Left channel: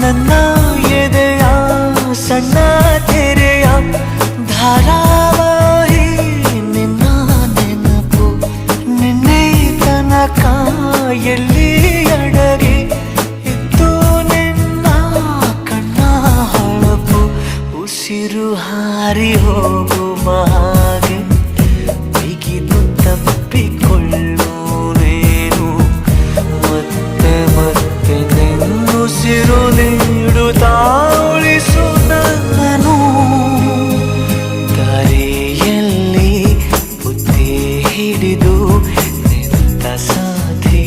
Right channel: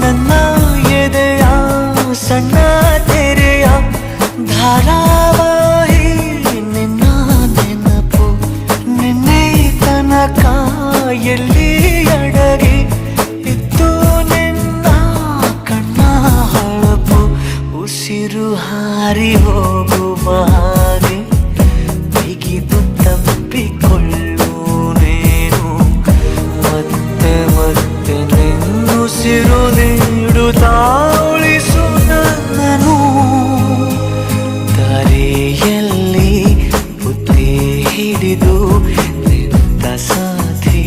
ನನ್ನ ಎದೆಯ ಸಣ್ಣ ತೆರೆಯ ಧಾರಾವಾಹಿ ನಿನ್ನ ನೆನಪು ನಿನ್ನೆ ತನಕ ಎಲ್ಲಿ ಅಡಗಿ ಇತ್ತು ನಿನ್ನ ಕಣ್ಣ ಹೊಳಪು ಉಸಿರು ಹಾರಿ ಹೋಗುವ ಹಾಗೆ ಬಿಗಿದು ತಪ್ಪಿಕೊಳ್ಳು ನೀನು ಮತ್ತೆ ಮತ್ತೆ ನಿನ್ನುಸಿರು ನೀಡುತ್ತಾ ಉಳಿಸು ನನ್ನನು ದಾರಿಯಲ್ಲಿ ಬುದ್ಧಿ ಹಿಡಿದು ನಿಂತ ಸಾಧಿ